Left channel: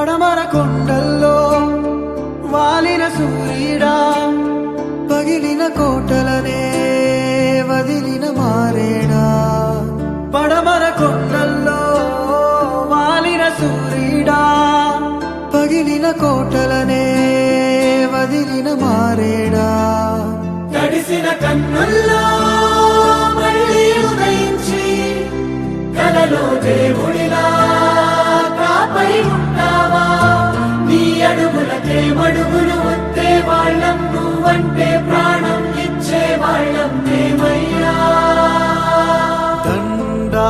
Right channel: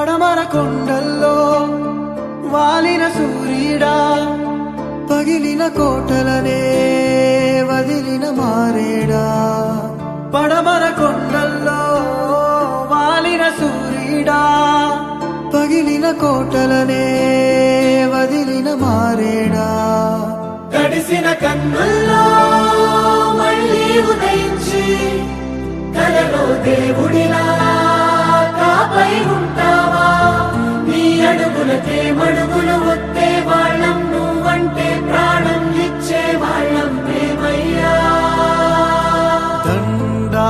పడమర కొండల్లో వాలిన సూర్యుడా, పగిలిన కోటలనే వదిలిన మారేడా. పడమర కొండల్లో వాలిన సూర్యుడా, పగిలిన కోటలనే వదిలిన మారేడా. తడిసిన కన్నుల్లో మళ్ళీ ఉదయించి కలలో దేవుడిలా కాపై ఉంటావా. నీ అడుగులకే మడుగులు వస్తే వాళ్ళం, నువ్వంటే ప్రాణం ఇచ్చే వాళ్ళం మేమయ్యా. దండా